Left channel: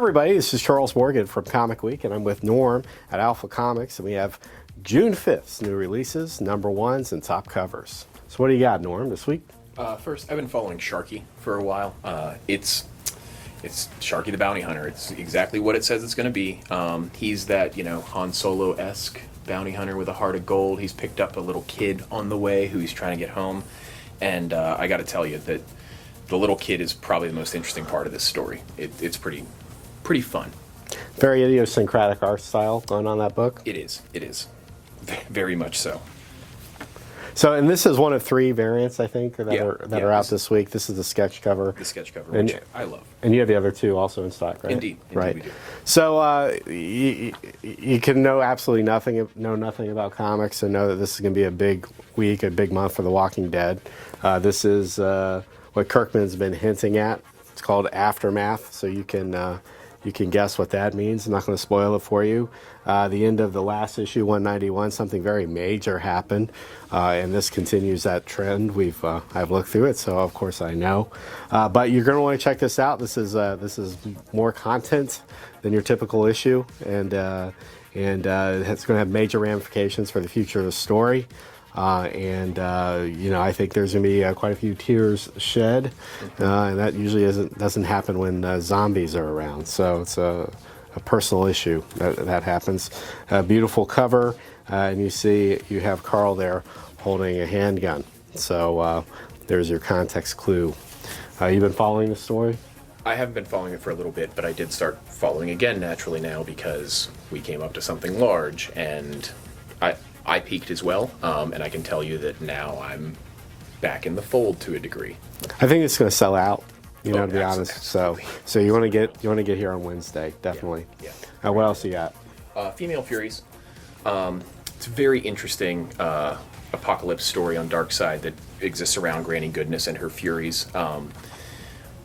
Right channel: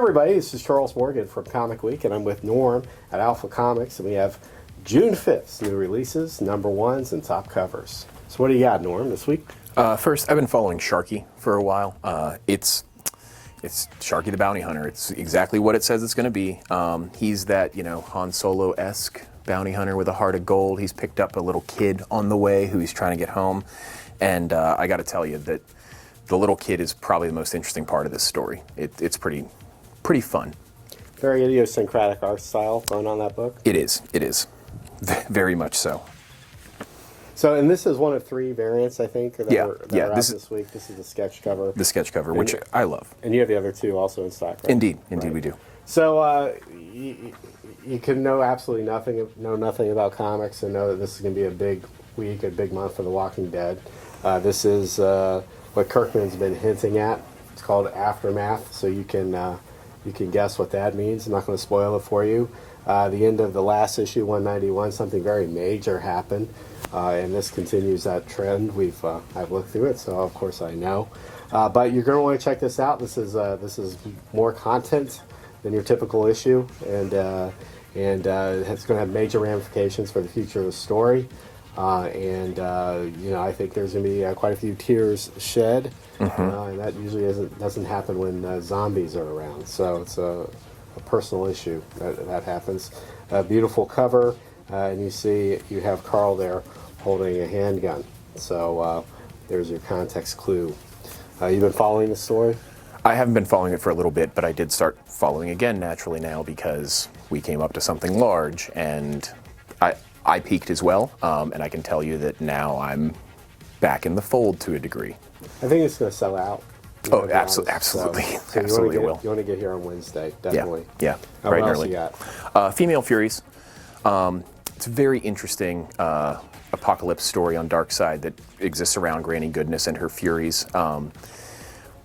everybody, this is Charles Morgan from Comic Week, and I'm with Norm at Alpha Comics, and we have June 5th's new releases, number ones, and top covers. So what do you got, Norm, this week? First, I've been following Sharkey for a while. It's Sharkey the Bounty Hunter. It's exactly what it says it's going to be. He's that, Han Solo-esque bounty hunter with a heart of gold. He's picked up a little kid on the way who he's trying to get home, and I got to tell you that the little kid is probably the most interesting part of this story. It's pretty fun. Very idiosyncratic art style going on that book. It is. Very much so. So, and this is one of three variants, I think, that are out this week. This is the sketch cover. The sketch cover, which I love. And you have the other two also in stock, right? Indeed, right. We do. So you can know absolutely nothing about comics and know that this is going to be a big week, a big month for The Walking Dead. This is what Kirkman's been hinting at. It's called Aftermath, so you can guess what that means. I'm not going to spoil it for you. The end of the last issue, 191, something very major happened, and this continues that trend. I've looked through it, so of course I know. But you're going to want to check this out. This is more content than your typical issue, and it's going to have major ramifications for the future of the story. I think there's going to be quite a few tears shed, and that usually doesn't happen when zombies are around. So it's a personal issue that happens. A beautiful cover, and you have Carl there holding a handgun. So there's your context clue. You've been following the story? I haven't been following it for a little bit, but I did start following again naturally now because we came up to something large, and I peaked as well, and I can tell you that now I'm back in the fold to a degree. I think it's going to sell out. Absolutely. So you want to get here on Wednesday, definitely. Yeah. What right else early. you got? Female Furies. It's a very interesting apocalypse story on Darkseid that exists around Granny Goodness and her Furies.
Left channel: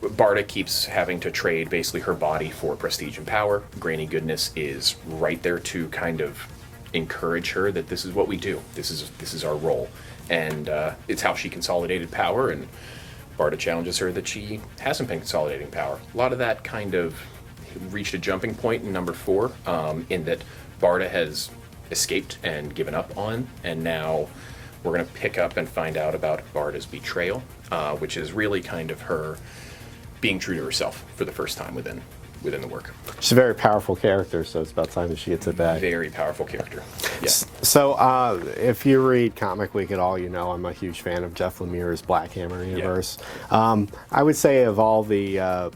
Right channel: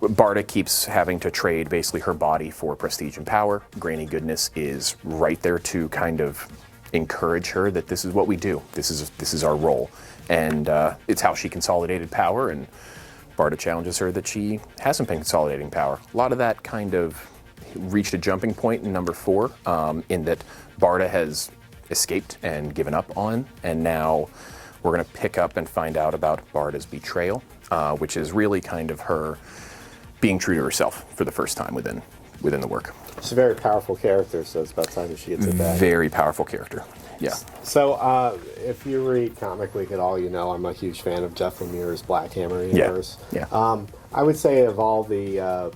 Barda keeps having to trade basically her body for prestige and power. Granny Goodness is right there to kind of encourage her that this is what we do. This is our role, and it's how she consolidated power. And Barda challenges her that she hasn't been consolidating power. A lot of that kind of reached a jumping point in number 4, in that Barda has escaped and given up on, and now we're going to pick up and find out about Barda's betrayal, which is really kind of her being true to herself for the first time within the work. She's a very powerful character, so it's about time she gets it back. Very powerful character. Yeah. So if you read Comic Week at all, I'm a huge fan of Jeff Lemire's Black Hammer universe. Yeah. I would say of all the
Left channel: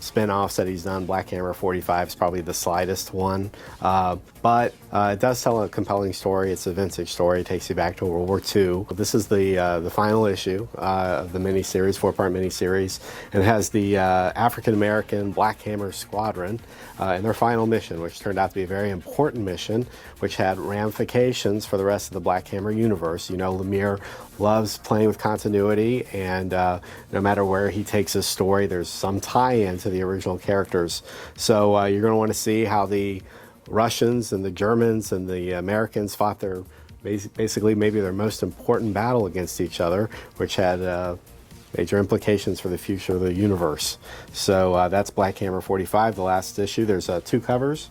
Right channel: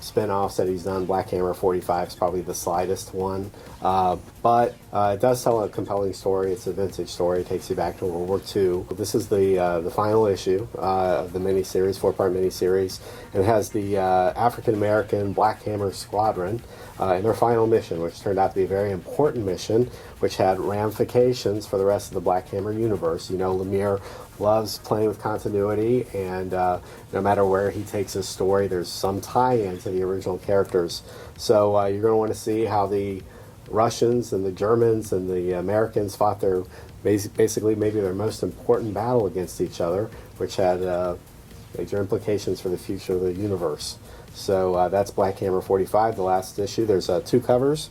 spin-offs that he's done, Black Hammer 45 is probably the slightest one. But it does tell a compelling story. It's a vintage story. It takes you back to World War II. This is the final issue of the miniseries, 4-part miniseries. And it has the African-American Black Hammer Squadron and their final mission, which turned out to be a very important mission, which had ramifications for the rest of the Black Hammer universe. Lemire loves playing with continuity, and no matter where he takes his story, there's some tie-in to the original characters. So you're going to want to see how the Russians and the Germans and the Americans fought basically maybe their most important battle against each other, which had major implications for the future of the universe. So that's Black Hammer 45, the last issue. There's 2 covers.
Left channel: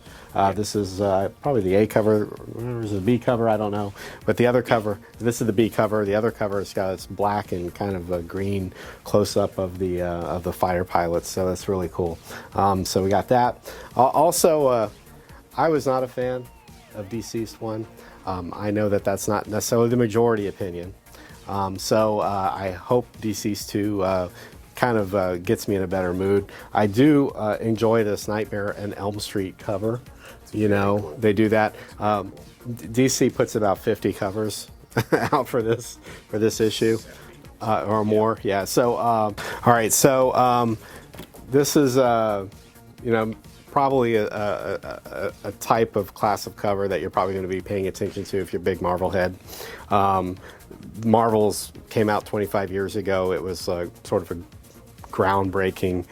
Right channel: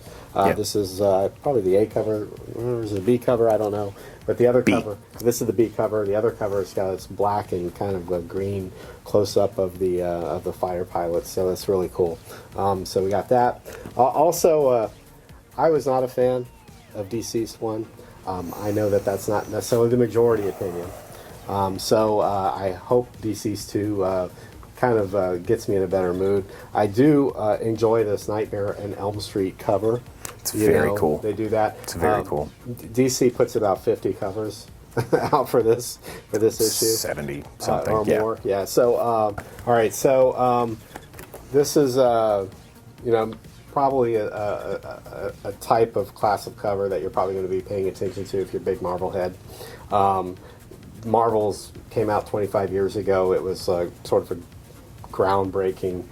This is probably the A cover. There's a B cover, I don't know. But the other cover, this is the B cover. The other cover has got this black and kind of a green close-up of the fighter pilots. So that's really cool. So we got that. Also, I was not a fan of DCeased 1. I know that that's not necessarily the majority opinion. So I hope DCeased 2 kind of gets me in a better mood. I do enjoy this Nightmare and Elm Street cover. It's very cool. They do that. It's very cool. DC puts about 50 covers out for this issue. 70 something. Or more. Yeah. So, all right. So this is, probably a type of class of cover that you're probably going to be paying attention to if you're a big Marvel head. Marvel's came out 25 years ago. It was sort of a groundbreaking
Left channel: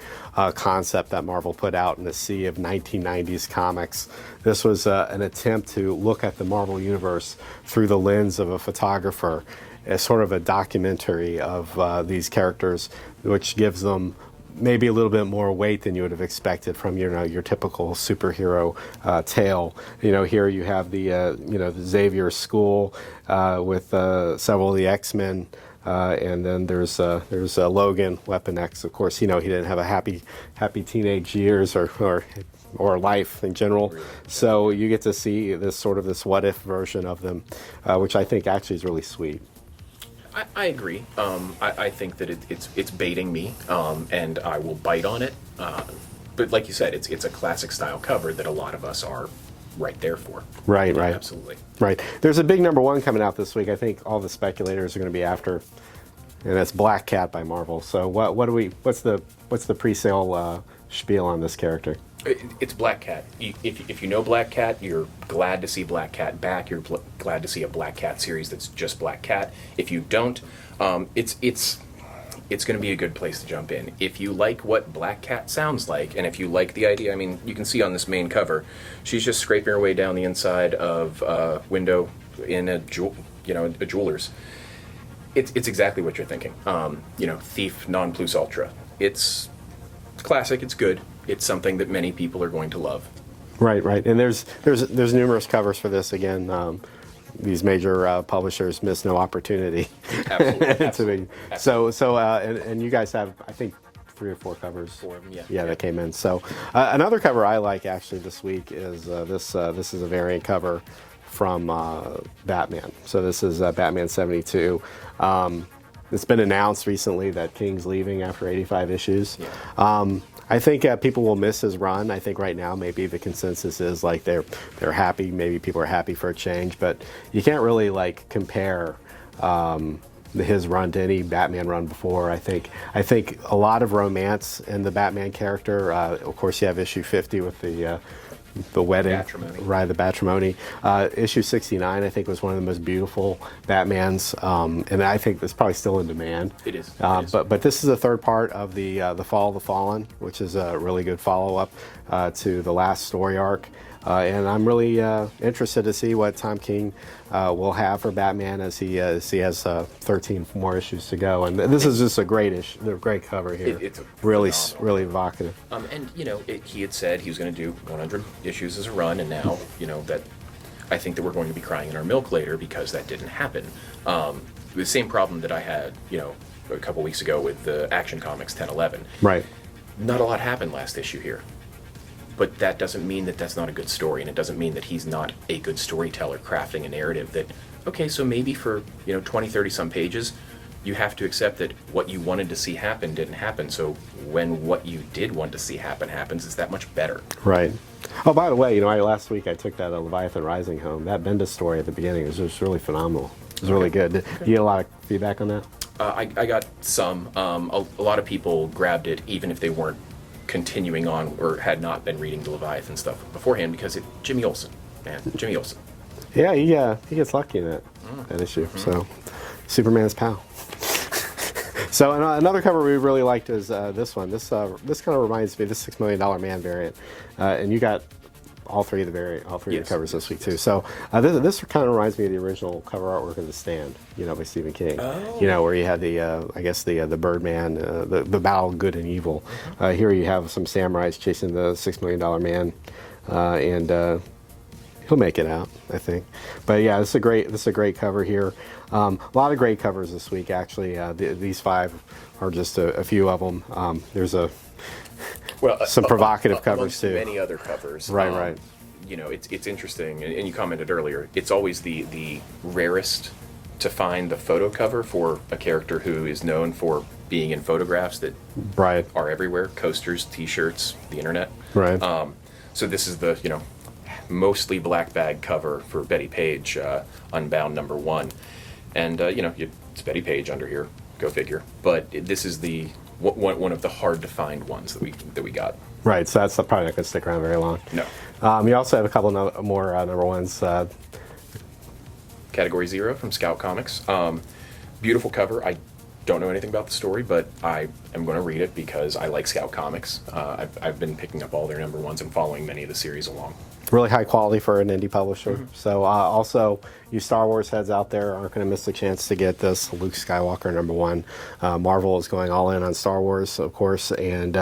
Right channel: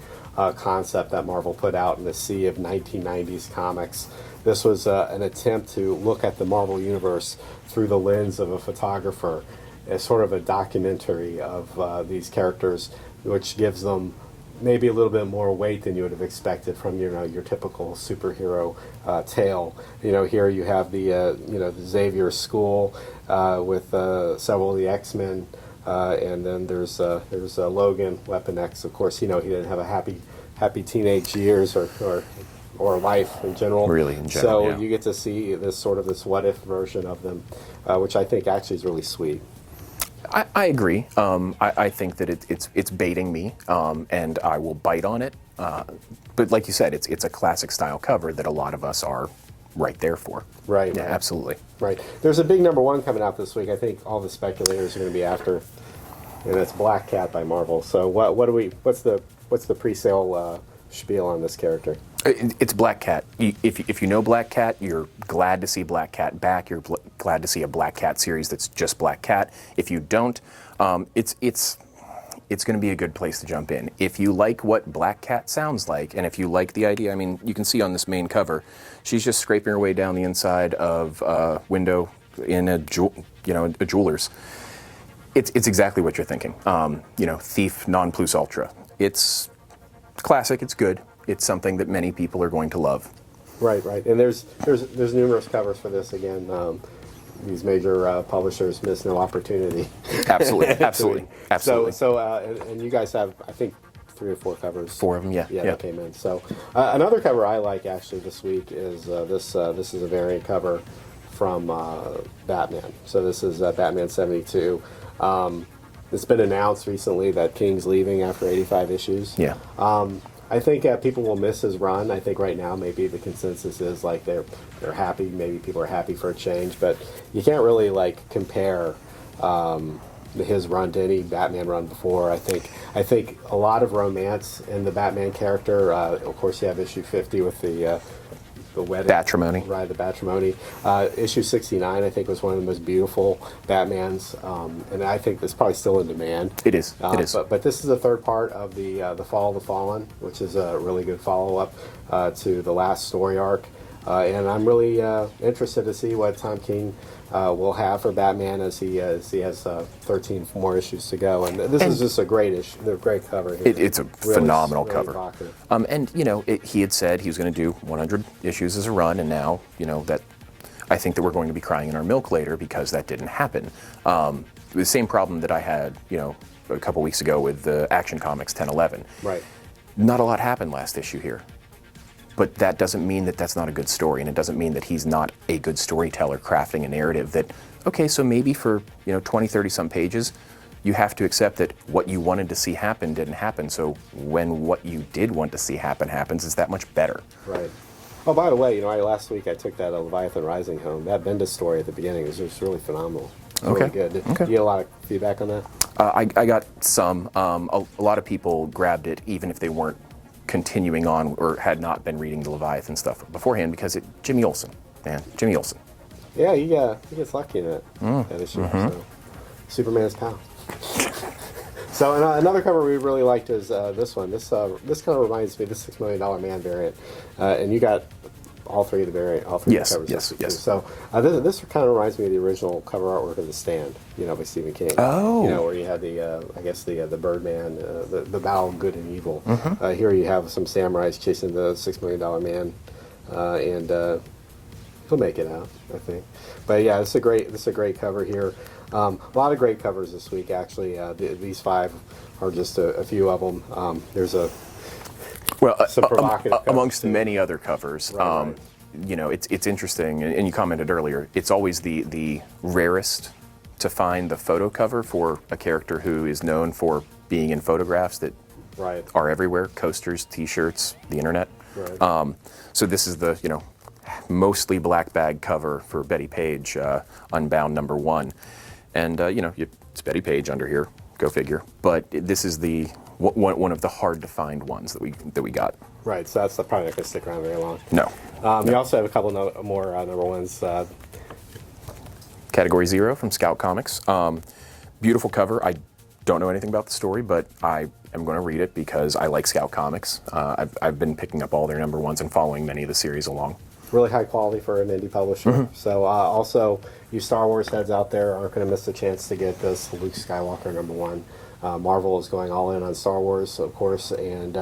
concept that Marvel put out in the sea of 1990s comics. This was an attempt to look at the Marvel Universe through the lens of a photographer, as sort of a documentary of these characters, which gives them maybe a little bit more weight than you would have expected from your typical superhero tale. Here you have the the Xavier School with several of the X-Men, and then there's Logan, Weapon X. Of course, he didn't have a happy teenage years or life in general. Really, in general, so yeah. you get to see this what if version of them, which I think actually is really sweet. I agree. I think that it's baiting me, and I will bite on it. But like you said, it's a classic style cover that a lot of us are right there for. Right, Yeah, right. Absolutely. Right. There's a big #1 coming out this week. I think all the speculators are going to be after, and that's Black Cat by Marvel. So what's the pre-sale spiel on this character? It's Black Cat. If you know Black Cat, you're glad to see Black Cat back. You're glad to see a Black Cat series that's just Black Cat. If you don't, it's going to be a good place to jump in. If you like what Black Cat sounds like, and if you like the idea, I mean, you can see on this main cover, she's just scraping her way down the inside of a window in a jeweler's. It's exactly what you're thinking. Thief non plus ultra. It's classic. It's good. It's something that many people are going to love. Right, right. And there's numerous covers for this. Again, these major publishers miss no opportunity. Absolutely, absolutely. So and you guys have, I think, 3 or 4 covers. 4 of them, yeah. That came in. So another cover I like actually this week is this. This is a variant cover from Batman. So this is Batman 72. It's been announced recently that King's leaving after 85 issues. Yeah. I think people will miss his run. I think right now maybe the consensus is like they're happy. Maybe people are happy for a change, but you can't really compare his run to any Batman run before. I think a lot of romance in the Batman character. Of course, you have issue 50 with the wedding. Matrimony. Right, the matrimony. Issue 69, I think, was one of the most beautiful Batmans, and I think that's probably still in demand. It is. It is. But this is the third part of the Fall of the Fallen, which is a really good follow-up to the last story arc. And I'm really interested to see what Tom King will have for Batman as he has 13 more issues to go. And this is just a great cover here. It's a really, phenomenal really cover. Evocative. And he had said he was going to do 100 issues as a run, and now that I think that we're going to be crying in our milk later because that didn't happen. The same problem that I had a couple weeks ago with the Action Comics 1011. Right. Not a lot happened last issue here. But that doesn't mean that that's not a good story, and it doesn't mean that he's not a good storyteller crafting a narrative that, okay, so maybe for 20, 30 some pages, you have to accept that what you wanted to see happen didn't happen, so when what you did want to see happen happens, it's that much better. Right. Oh, by the way, last week I took that Leviathan Rising home. That Bendis story at the beginning was just really phenomenal. It was really good. Did you get a lot of feedback on that? I got some. A lot of people grabbed it, even if they weren't continuing on or had not been reading the Leviathan stuff beforehand, because Jimmy Olsen, man, Jimmy Olsen. Yeah, he gets lucky in that issue. So, Superman's pal. So another cover we really liked is this one. This kind of reminds me of the $6 Million Man variant, and you got all 3 of the covers this week too. So this kind of reminds me of the original cover artwork of The Stand, by Stephen King. Oh. Where you had the Birdman, the battle of good and evil. Here you have some samurais chasing the $6 Million Man, and he'll make it out, I think. But yeah, this is a great cover here. A lot of great covers this week, actually. These 5 are just a few of them. There's some provocative covers amongst too. many other covers. Right. It's interesting, and you commented earlier. It's always the rarest to find the photo cover for a character who is known for being in photographs that are everywhere: coasters, T-shirts, the internet. Right. So this is the mostly black bag cover for Betty Page, Unbound #1, and it's Betty Page under here. Go figure. But this is the one of the hard to find ones that we got. Right, so that's probably not going to stick around very long. No. We also have a couple more #1s. Category 0 from Scout Comics. Beautiful cover. I don't know anything about the story, but I am going to read it because I like Scout Comics. I've been picking up all their #1s and following many of the series along. Really high quality for an indie publisher. So also, you Star Wars heads out there aren't going to miss the chance to get this Luke Skywalker #1. Marvel is going all in on Star Wars, of course, and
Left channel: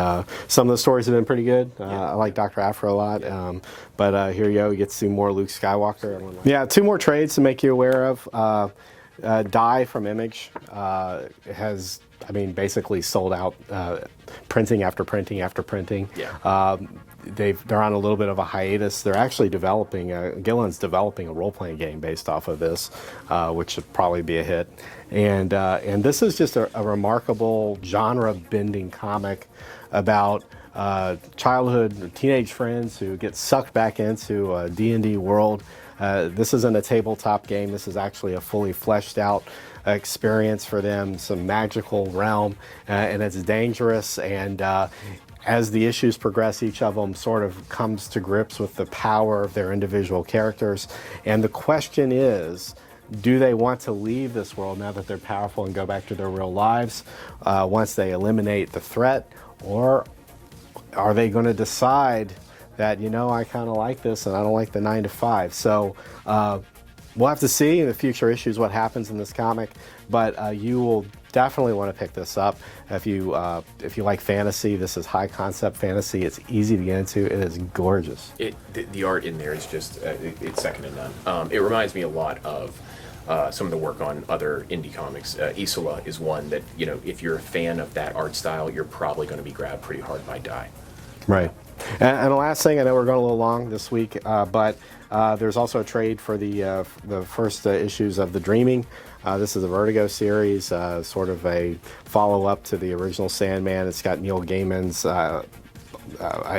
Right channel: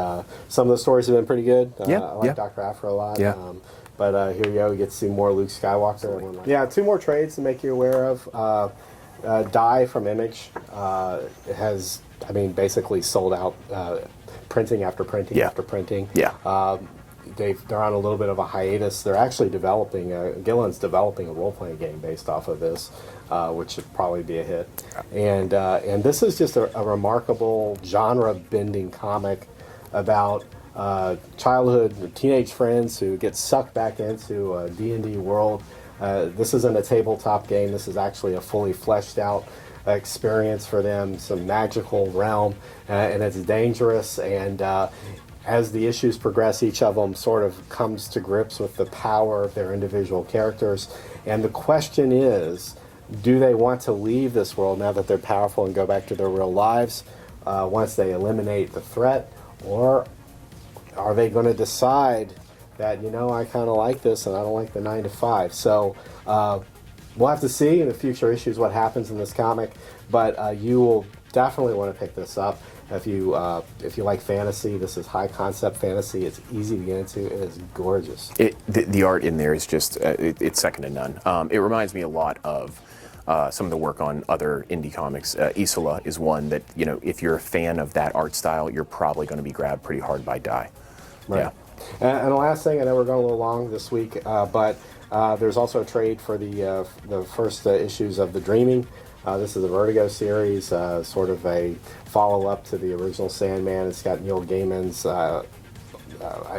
some of the stories have been pretty good. I like Dr. Aphra a lot. Yeah. But here you go, you get to see more Luke Skywalker. Yeah, 2 more trades to make you aware of. Die from Image has, basically sold out, printing after printing after printing. Yeah. They're on a little bit of a hiatus. They're actually developing, Gillen's developing a role-playing game based off of this, which should probably be a hit. And this is just a remarkable genre-bending comic about childhood teenage friends who get sucked back into a D&D world. This isn't a tabletop game. This is actually a fully fleshed out experience for them, some magical realm, and it's dangerous. And as the issues progress, each of them sort of comes to grips with the power of their individual characters. And the question is, do they want to leave this world now that they're powerful and go back to their real lives once they eliminate the threat? Or are they going to decide that, I kind of like this and I don't like the 9 to 5? So we'll have to see in the future issues what happens in this comic, but you will definitely want to pick this up. If you like fantasy, this is high concept fantasy. It's easy to get into. It is gorgeous. The art in there is just, it's second to none. It reminds me a lot of some of the work on other indie comics. Isola is one that, if you're a fan of that art style, you're probably going to be grabbed pretty hard by Die. Right. Yeah. And the last thing, I know we're going a little long this week, but there's also a trade for the first issues of The Dreaming. This is a Vertigo series, sort of a follow-up to the original Sandman. It's got Neil Gaiman's,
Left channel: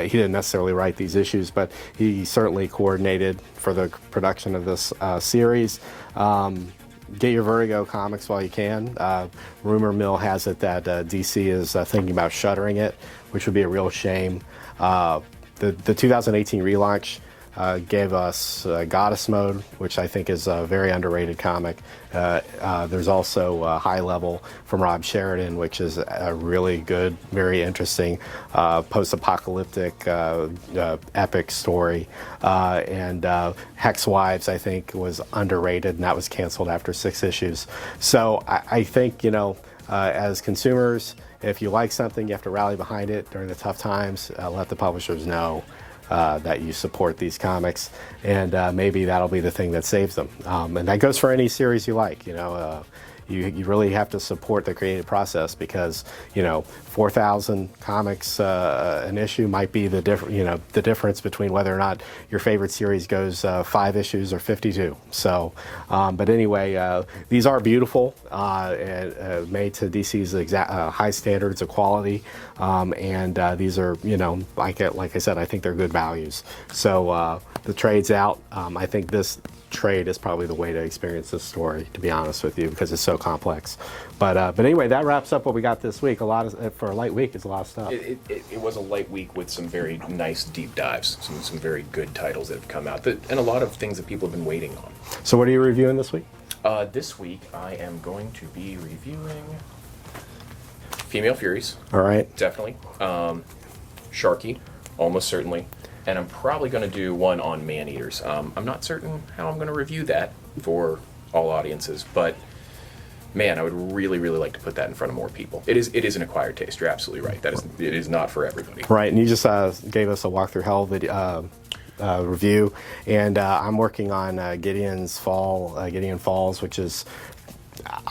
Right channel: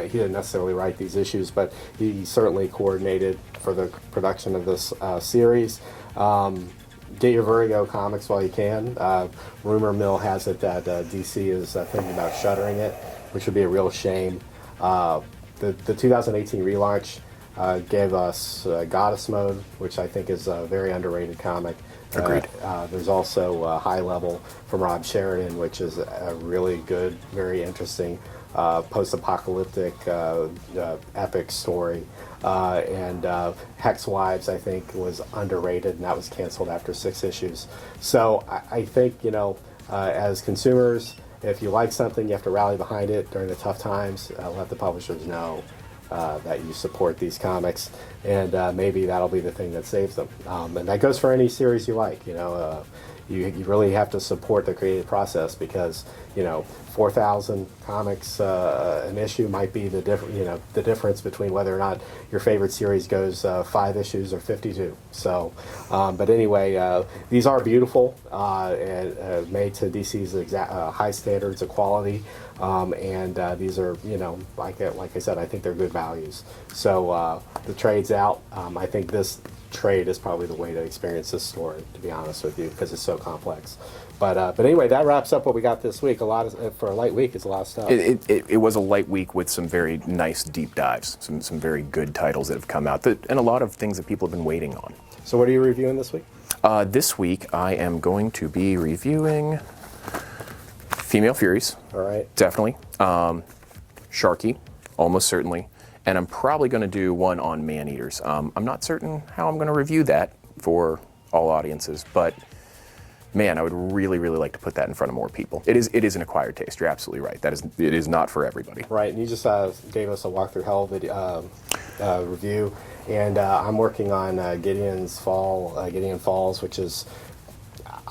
he didn't necessarily write these issues, but he certainly coordinated for the production of this series. Get your Vertigo comics while you can. Rumor mill has it that DC is thinking about shuttering it, which would be a real shame. The 2018 relaunch gave us Goddess Mode, which I think is a very underrated comic. There's also High Level from Rob Sheridan, which is a really good, very interesting post-apocalyptic epic story. And Hex Wives, I think, was underrated, and that was canceled after 6 issues. So I think, as consumers, if you like something, you have to rally behind it during the tough times. Let the publishers know that you support these comics, and maybe that'll be the thing that saves them. And that goes for any series you like. You really have to support the creative process because 4,000 comics an issue might be the difference between whether or not your favorite series goes 5 issues or 52. So, but anyway, these are beautiful and made to DC's high standards of quality, and these are like I said, I think they're good values. So the trade's out. I think this trade is probably the way to experience this story, to be honest with you, because it's so complex. But anyway, that wraps up what we got this week. For a light week, it's a lot of stuff. It was a light week with some very nice deep dives, some very good titles that have come out, and a lot of things that people have been waiting on. So what are you reviewing this week? This week, I am going to be reviewing Female Furies. All right. Definitely. Sharkey, almost certainly. And I'm probably going to do one on man-eaters. I'm not certain how I'm going to review that for all audiences, but man, I would really, really like to put that in front of more people. It is an acquired taste. You're absolutely right. It is not for everybody. Right, and you just gave us a walkthrough hell video, review, and I'm working on Gideon Falls, which is.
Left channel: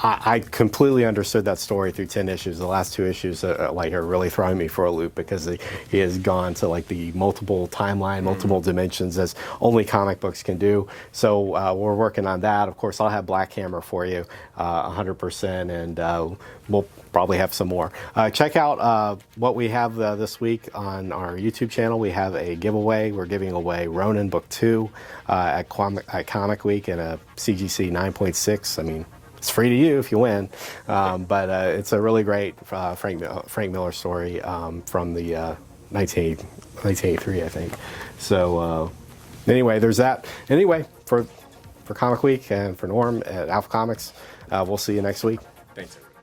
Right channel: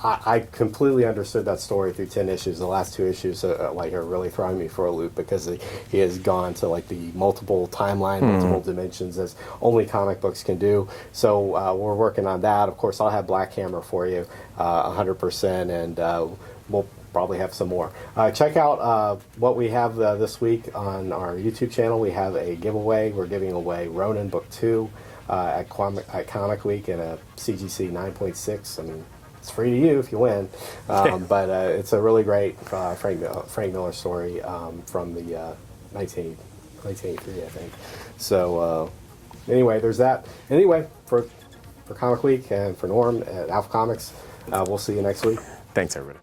I completely understood that story through 10 issues. The last 2 issues are really throwing me for a loop because he has gone to the multiple timeline, multiple dimensions as only comic books can do. So we're working on that. Of course, I'll have Black Hammer for you 100%, and we'll probably have some more. Check out what we have this week on our YouTube channel. We have a giveaway. We're giving away Ronin Book 2 at ComicWeek and a CGC 9.6. It's free to you if you win, but it's a really great Frank Miller story from the 1983, I think. So anyway, there's that. Anyway, for Comic Week and for Norm at Alpha Comics, we'll see you next week. Thanks, everybody.